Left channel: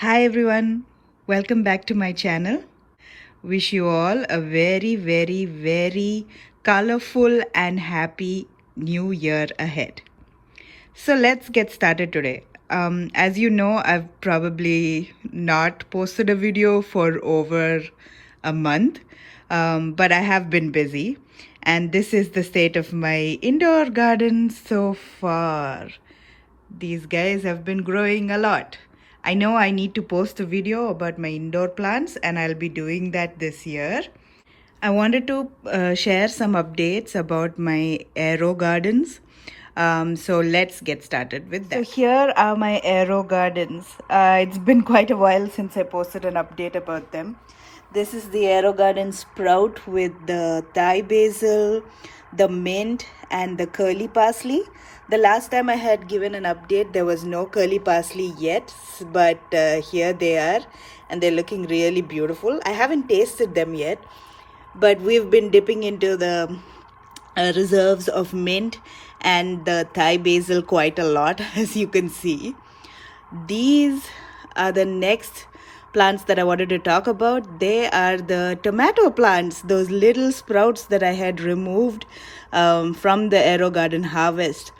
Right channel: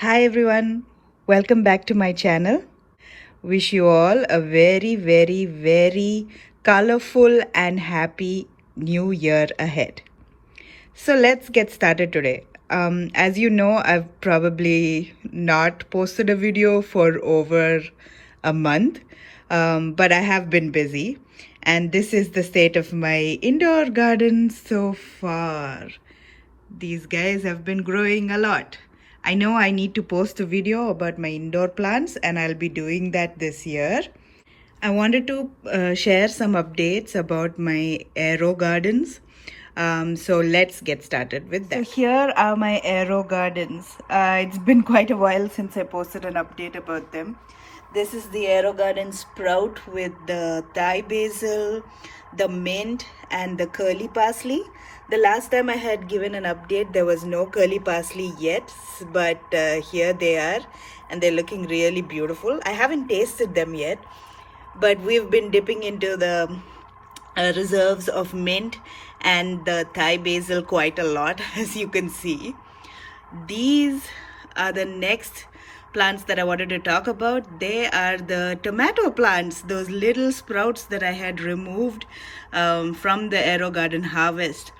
Hi everyone, welcome back to my channel. Wish you all a very colorful and happy new year ahead. So let's get started today. As you know, I've probably not posted a video for over a month, but I have been busy. And this is the state of my indoor garden so far. These guys have been growing a lot. I know I need to post a video about my indoor plants, and I'll be doing that this year. I wanted to share some updates about my AeroGardens. So let's get started with that. So here are my AeroGardens. It's been quite a while since I posted an update about them. This is the AeroGarden Sprout with the Thai basil, the mint, and the curly parsley. The last time I had given an update, there was no curly parsley yet, but here they are, and they're looking really beautiful. I haven't tasted them yet, but we've been dipping into the reserves of mint and the Thai basil quite a lot, as you can see. These are the next plants that I wanted to talk about. They are the tomato plants, those little sprouts that I had removed from the AeroGarden harvest.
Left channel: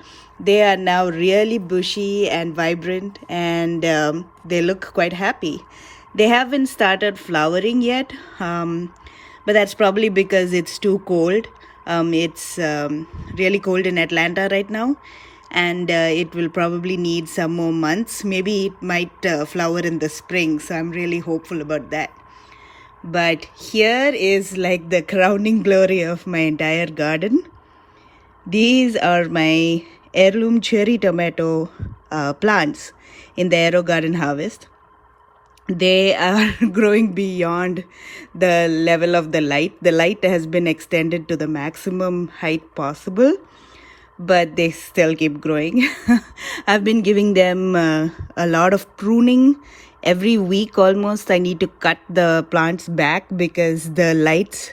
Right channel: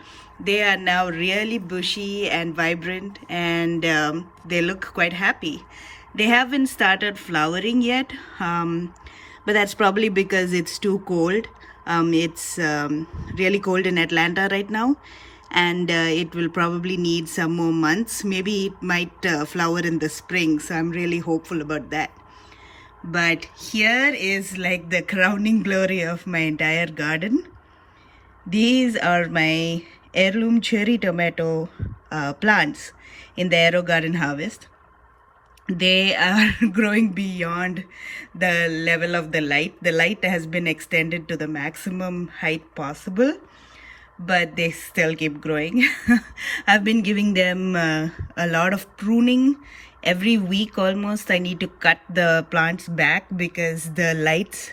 They are now really bushy and vibrant, and they look quite happy. They haven't started flowering yet, but that's probably because it's too cold. It's really cold in Atlanta right now, and it will probably need some more months. Maybe it might flower in the spring, so I'm really hopeful about that. But here is like the crowning glory of my entire garden. These are my heirloom cherry tomato plants in the AeroGarden harvest. They are growing beyond the level of the light. The light has been extended to the maximum height possible, but they still keep growing. I've been giving them a lot of pruning. Every week almost I need to cut the plants back because the lights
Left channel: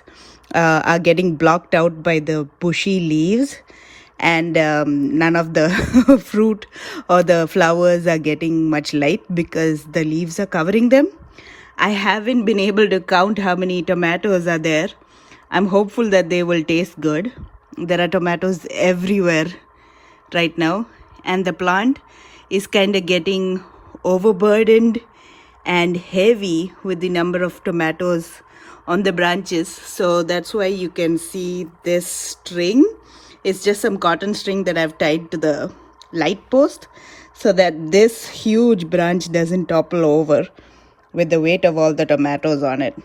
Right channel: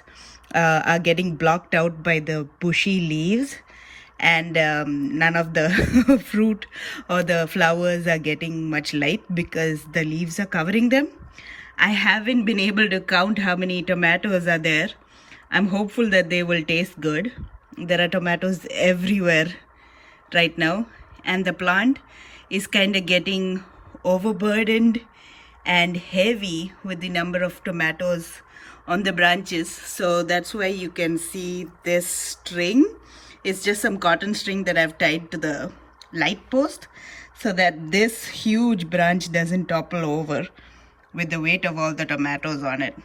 are getting blocked out by the bushy leaves, and none of the fruit or the flowers are getting much light because the leaves are covering them. I haven't been able to count how many tomatoes are there. I'm hopeful that they will taste good. There are tomatoes everywhere right now, and the plant is kind of getting overburdened and heavy with the number of tomatoes on the branches. So that's why you can see this string. It's just some cotton string that I've tied to the light post so that this huge branch doesn't topple over with the weight of all the tomatoes on it.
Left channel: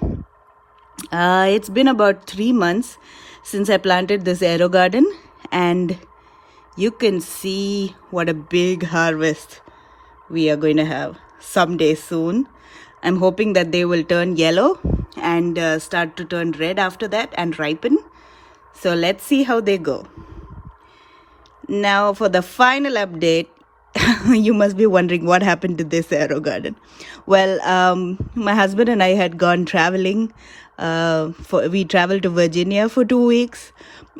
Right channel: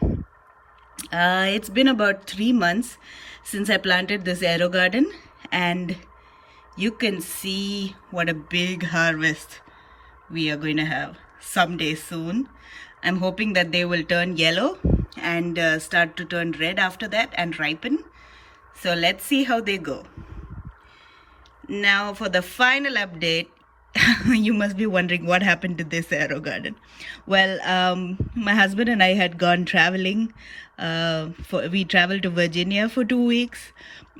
It's been about 3 months since I planted this AeroGarden, and you can see what a big harvest we are going to have someday soon. I'm hoping that they will turn yellow and start to turn red after that and ripen. So let's see how they go. Now for the final update, you must be wondering what happened to this AeroGarden. Well, my husband and I had gone traveling. We traveled to Virginia for 2 weeks,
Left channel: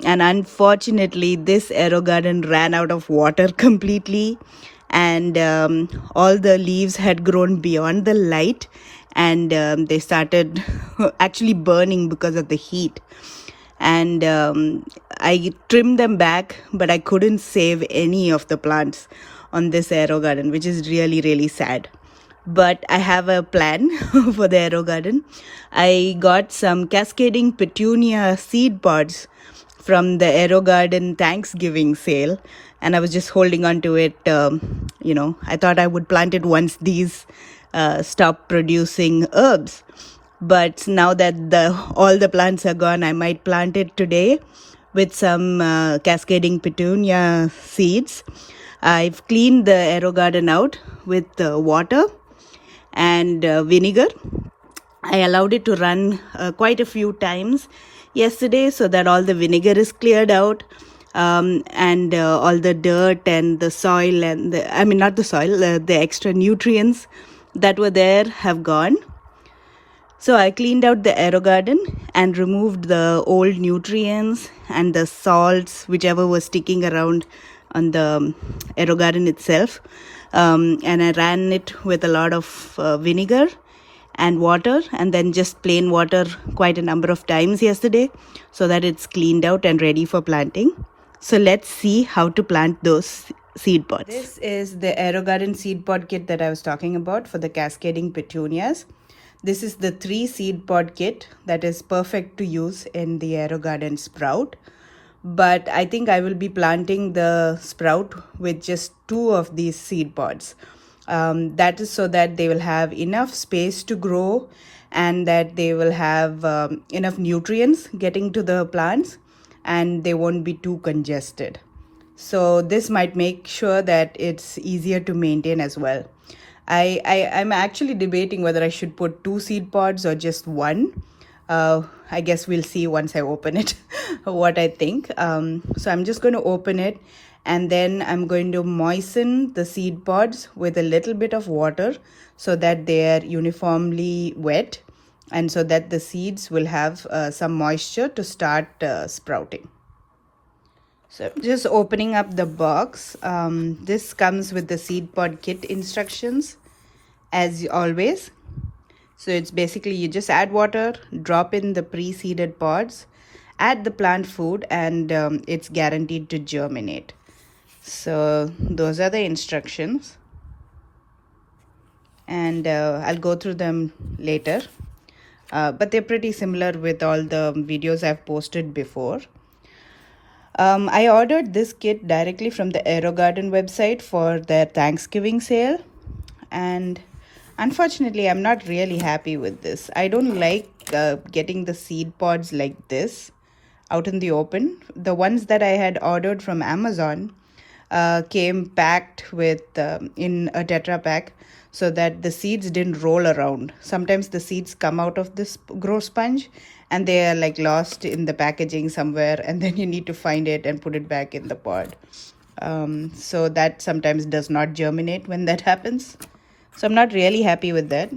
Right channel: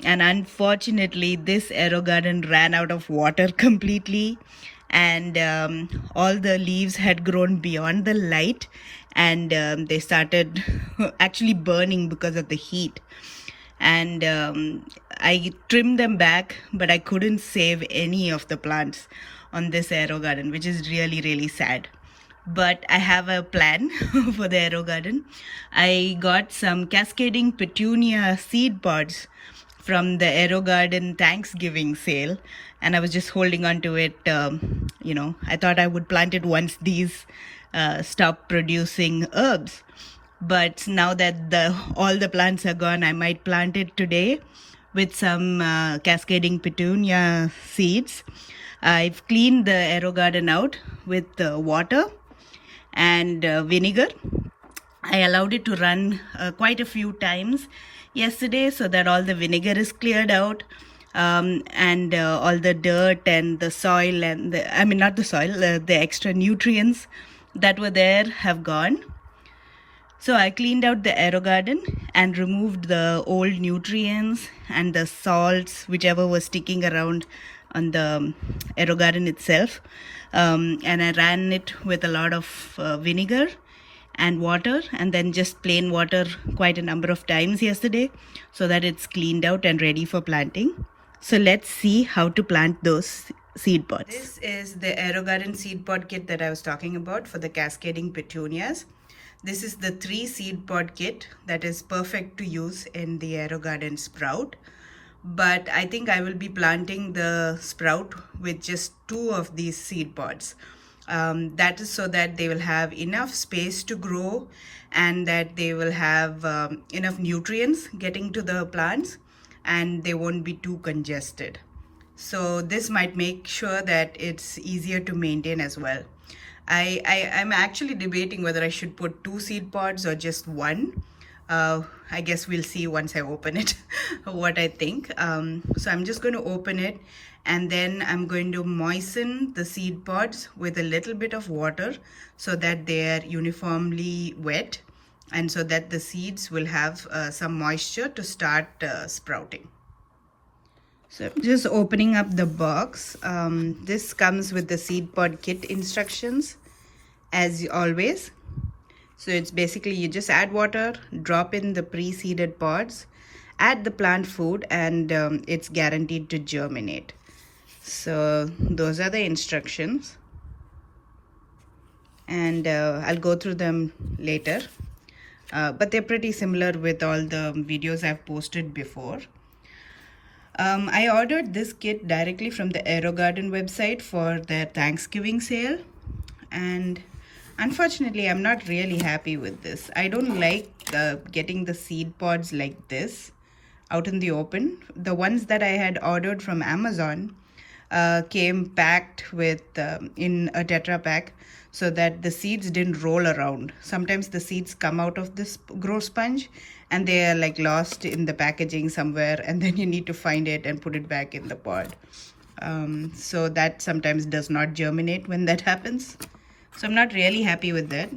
and unfortunately this AeroGarden ran out of water completely, and all the leaves had grown beyond the light, and they started actually burning because of the heat. And I trimmed them back, but I couldn't save any of the plants on this AeroGarden, which is really sad. But I have a plan for the AeroGarden. I got some Cascading Petunia seed pods from the AeroGarden Thanksgiving sale, and I was just holding on to it. I thought I would plant it once these stop producing herbs. But now that all the plants are gone, I might plant it today with some Cascading Petunia seeds. I've cleaned the AeroGarden out with water and vinegar. I allowed it to run quite a few times yesterday so that all the vinegar is cleared out, and all the dirt and the soil and the extra nutrients that were there have gone. So I cleaned out the AeroGarden and removed the old nutrients and the salts, whichever was sticking around on the AeroGarden itself. and I ran it with a lot of vinegar and water, and then just plain water quite a number of times yesterday so that it's cleaned out and ready for planting. So let's see how to plant those seed pods. This is the AeroGarden seed pod kit that I was talking about for the Cascading Petunias. This is the 3 seed pod kit that is perfect to use in the AeroGarden Sprout. But I think I will be planting the sprout with just 2 of these seed pods. That is so that they will have enough space to grow and that they will have enough nutrients getting to the plants and they won't be too congested. So this might make sure that it's easier to maintain as well. I'm actually debating whether I should put 2 seed pods or just 1. I guess we'll see once I open it what I think. So I'm just going to open it, and then I'm going to moisten the seed pods with a little bit of water so that they are uniformly wet and so that the seeds will have some moisture to start sprouting. So I'm just opening up the box. This comes with the seed pod kit instructions as always. So it's basically you just add water, drop in the pre-seeded pods, add the plant food, and it's guaranteed to germinate. So those are the instructions, and I'll go through them later. But they're pretty similar with all the videos I've posted before. I ordered this kit directly from the AeroGarden website for their Thanksgiving sale, and unfortunately I'm not really happy with this. I don't like getting the seed pods like this out in the open. The ones that I had ordered from Amazon came packed with in a Tetra Pak so that the seeds didn't roll around. Sometimes the seeds come out of this grow sponge and they are like lost in the packaging somewhere, and then you need to find it and put it back in the pod. So that sometimes does not germinate when that happens. So I'm not really happy with that.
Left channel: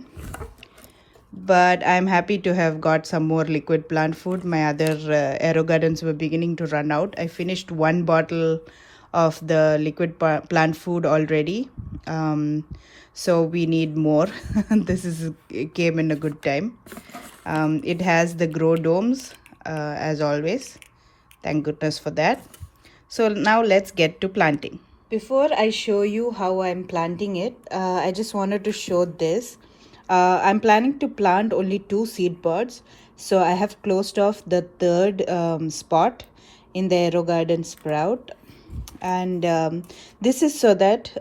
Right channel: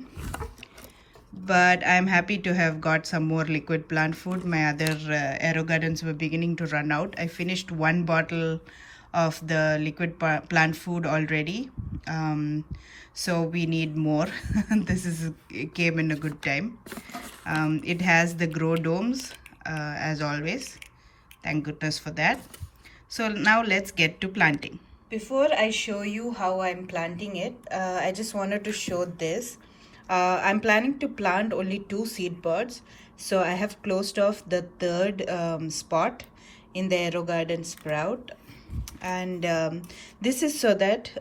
But I'm happy to have got some more liquid plant food. My other AeroGardens were beginning to run out. I finished 1 bottle of the liquid plant food already. So we need more. It came in a good time. It has the grow domes as always. Thank goodness for that. So now let's get to planting. Before I show you how I'm planting it, I just wanted to show this. I'm planning to plant only 2 seed pods. So I have closed off the 3rd spot in the AeroGarden Sprout. And this is so that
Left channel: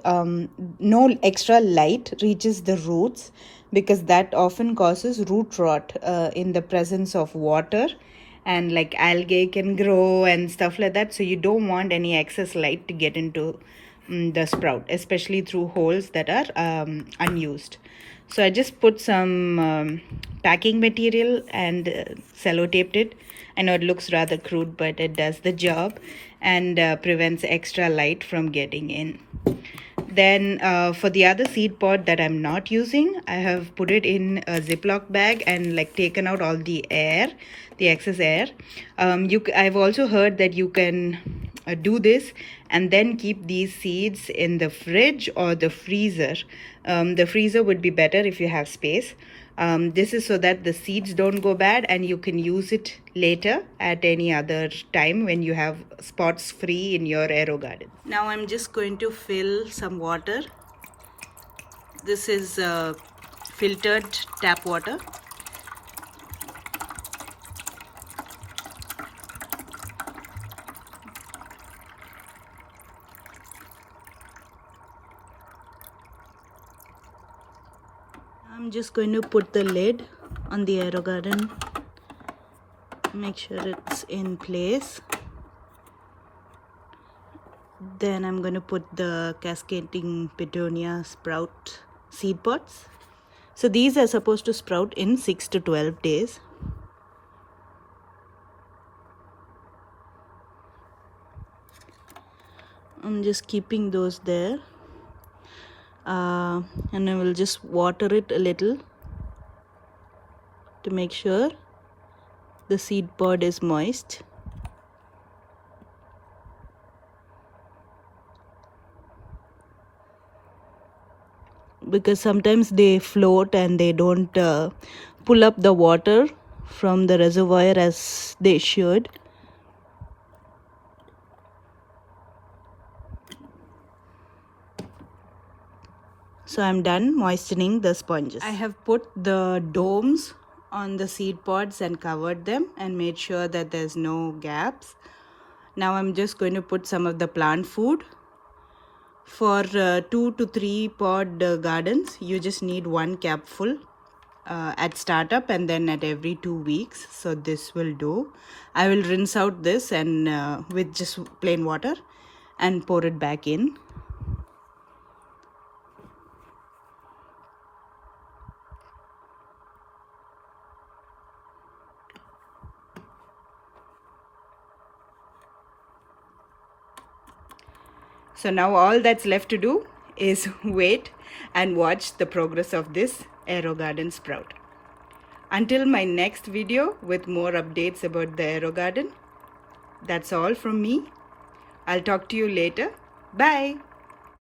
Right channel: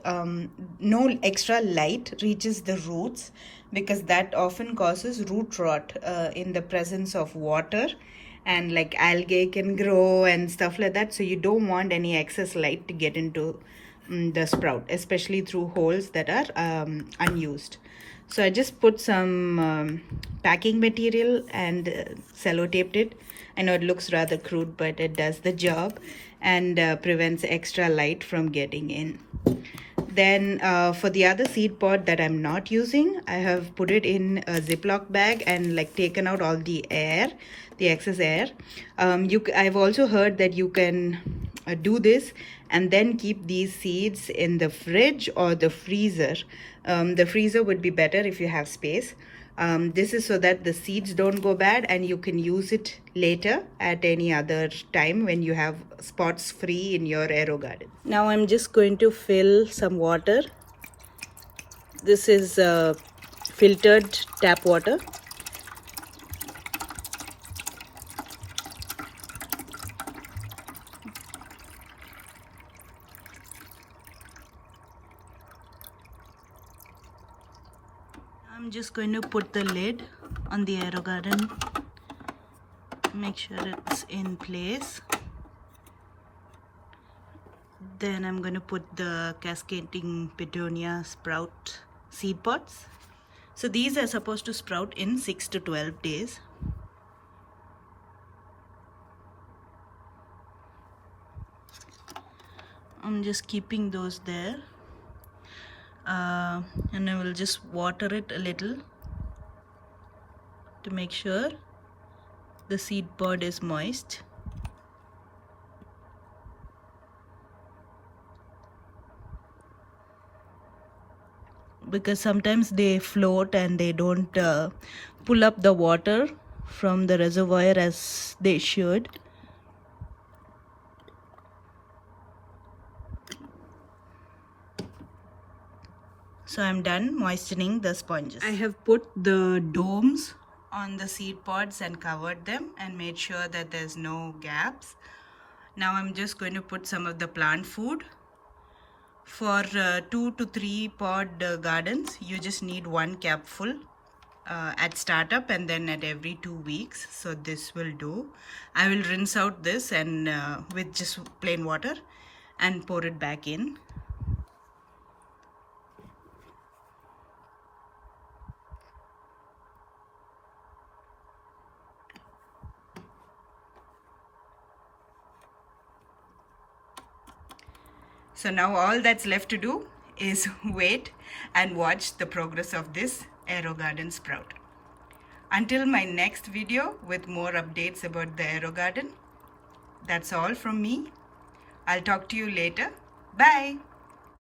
no extra light reaches the roots, because that often causes root rot in the presence of water, and like algae can grow and stuff like that. So you don't want any excess light to get into the sprout, especially through holes that are unused. So I just put some packing material and sellotaped it. I know it looks rather crude, but it does the job and prevents extra light from getting in. Then for the other seed pod that I'm not using, I have put it in a Ziploc bag and like taken out all the air, the excess air. I've also heard that you can do this and then keep these seeds in the fridge or the freezer. The freezer would be better if you have space. This is so that the seeds don't go bad and you can use it later at any other time when you have spots free in your AeroGarden. Now I'm just going to fill some water. This is filtered tap water. I'm just going to put the lid on the AeroGarden, make sure it's in place. Then I'm going to put the Cascading Petunia sprout seed pods. So these are supposed to sprout in 6 to 12 days. I'm just keeping those there. And I will just water it a little to make sure the seed pod is moist. because sometimes they float and they don't pull up the water from the reservoir as they should. So I'm done moistening the sponges. I have put the domes on the seed pods and covered them and made sure that there's no gaps. Now I'm just going to put some of the plant food. For 2 to 3 pod gardens, you just need 1 capful at startup and then at every 2 weeks. So this will do. I will rinse out this and with just plain water and pour it back in. So now all that's left to do is wait and watch the progress of this AeroGarden sprout. Until my next video with more updates about the AeroGarden, that's all from me. I'll talk to you later. Bye.